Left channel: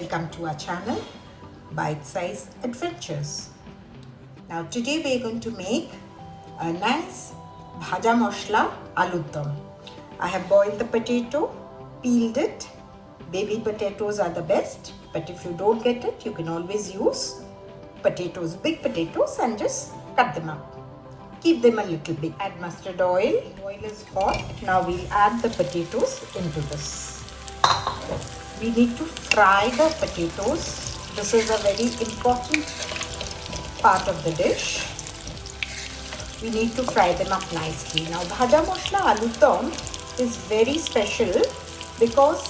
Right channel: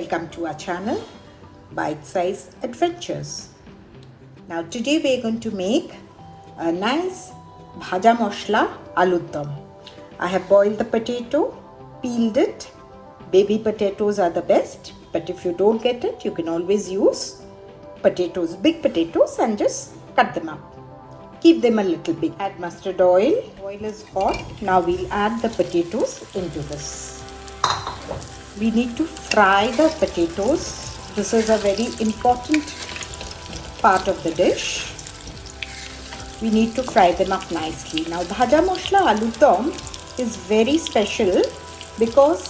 Welcome to our channel, Bite-Sized Adventures. Now today we are going to make a nice Bhaja Moshla Alur Dum. I have boiled the potato, peeled it. Baby potatoes are the best, but if you don't get it, you can always use potatoes, big potatoes, and just cut them up. Keep them a little bit. Add mustard oil. Oil is hot. Now we'll add the potatoes into this. We need to fry the potatoes. This is a very important part of the dish. We need to fry them up nicely. Now Bhaja Moshla Alur Dum is very special because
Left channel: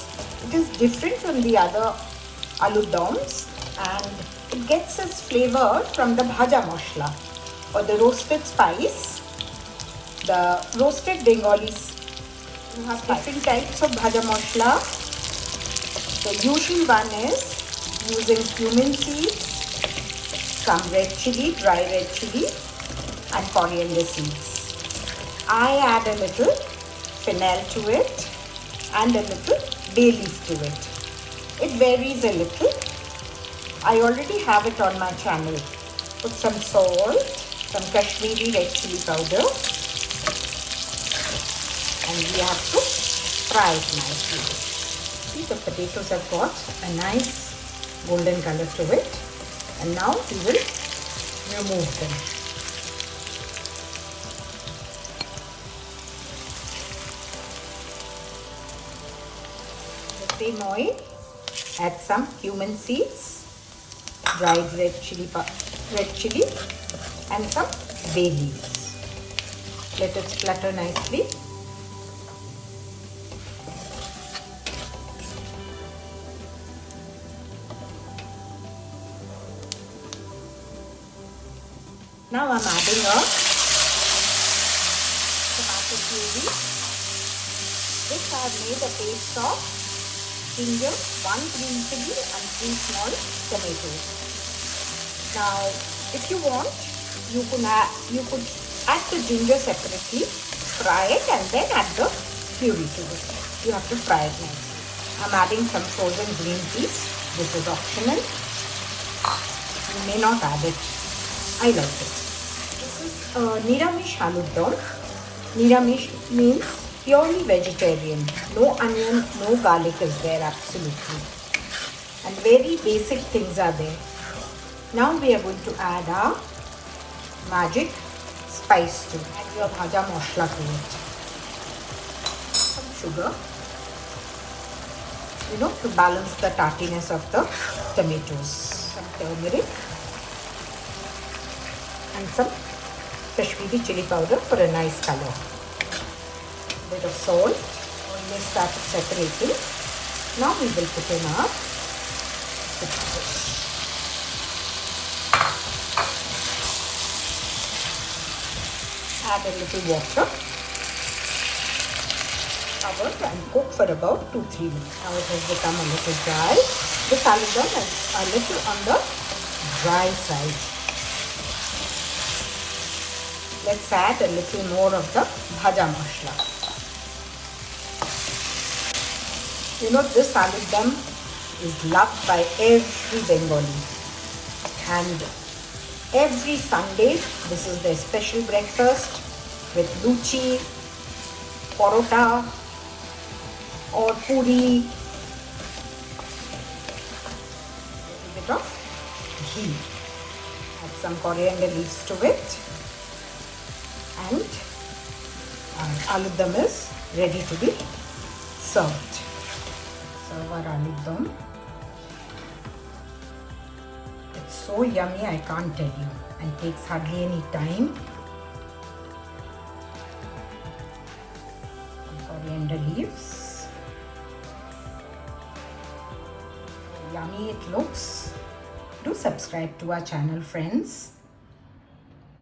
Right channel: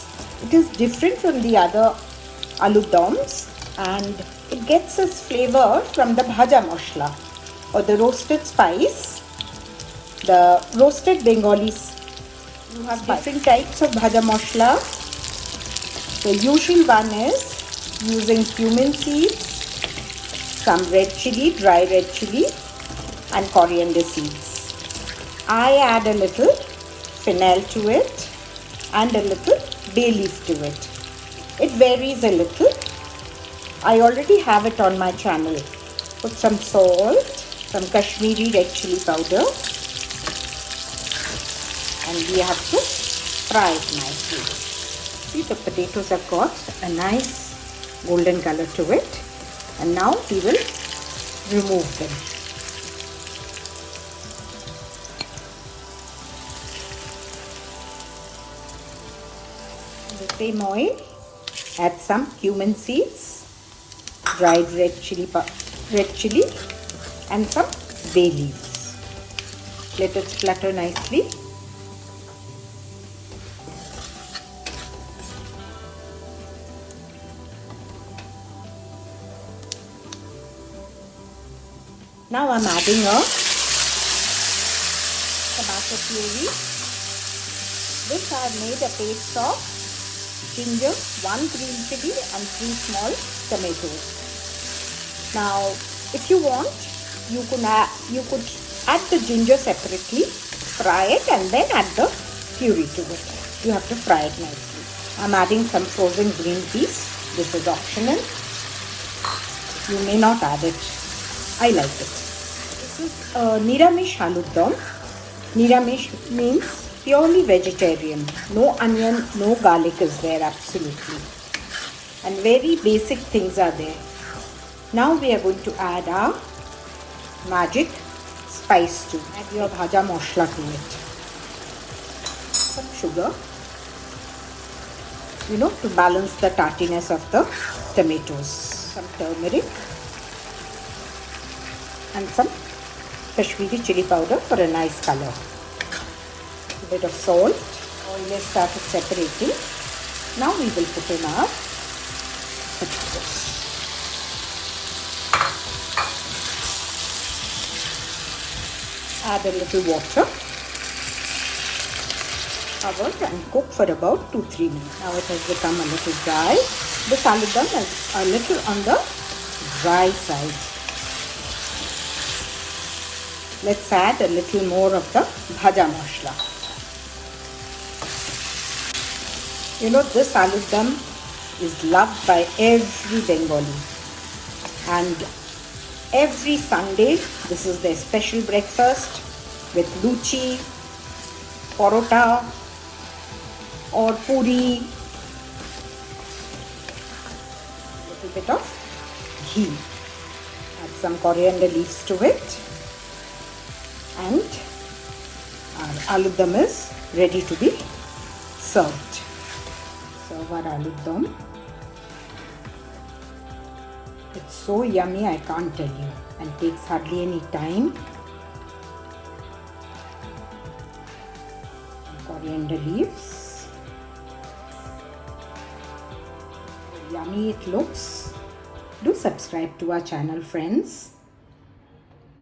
it is different from the other alur dums and it gets its flavor from the Bhaja Moshla or the roasted spice, the roasted Bengali. You have different types of Bhaja Moshla. The usual one is using cumin seeds, some red chili, dry red chili, and coriander seeds. I add a little fennel to it and a little bay leaf to it. It varies a little. I already have it on my channel. Put some salt, some Kashmiri red chili powder, and we have to fry it nicely. See, the potatoes have got a nice golden color to it, and now we will remove them. In the same oil, add some cumin seeds, dried red chili, and some bay leaves. Let it splatter nicely. Now I'm adding a tomato puree. This I have made a paste of ginger, 1 green chili and 3 small tomatoes. Now if you want, you could add the ginger separately, fry it and then add the puree to it. You have to fry it nicely. I'm adding some frozen green peas. This is optional. You may not add it. I like it. This is Niramish Alur Dum. Niramish means purely vegetarian. No onion, no garlic is there absolutely. And very basic things are there. Now we are going to add our magic spice to it. Add your Bhaja Moshla to it. Some sugar. To balance the tartiness of the tomatoes. Some turmeric. And some Kashmiri chili powder for a nice color. A bit of salt. Oil is started separating. Now we will put in our add a little water. Cover and cook for about 2-3 minutes. Now it has become a little dry. This alur dum is a little on the dry side. Let's add a little more of the Bhaja Moshla. This alur dum is loved by every Bengali. And every Sunday, this is their special breakfast with luchi, parota, or puri. A little bit of ghee. Add some coriander leaves to it. And alur dum is ready to be served. Serve our alur dum. It's so yummy, I can't tell you, and takes hardly any time. Coriander leaves. Yummy it looks. Do subscribe to our channel, friends.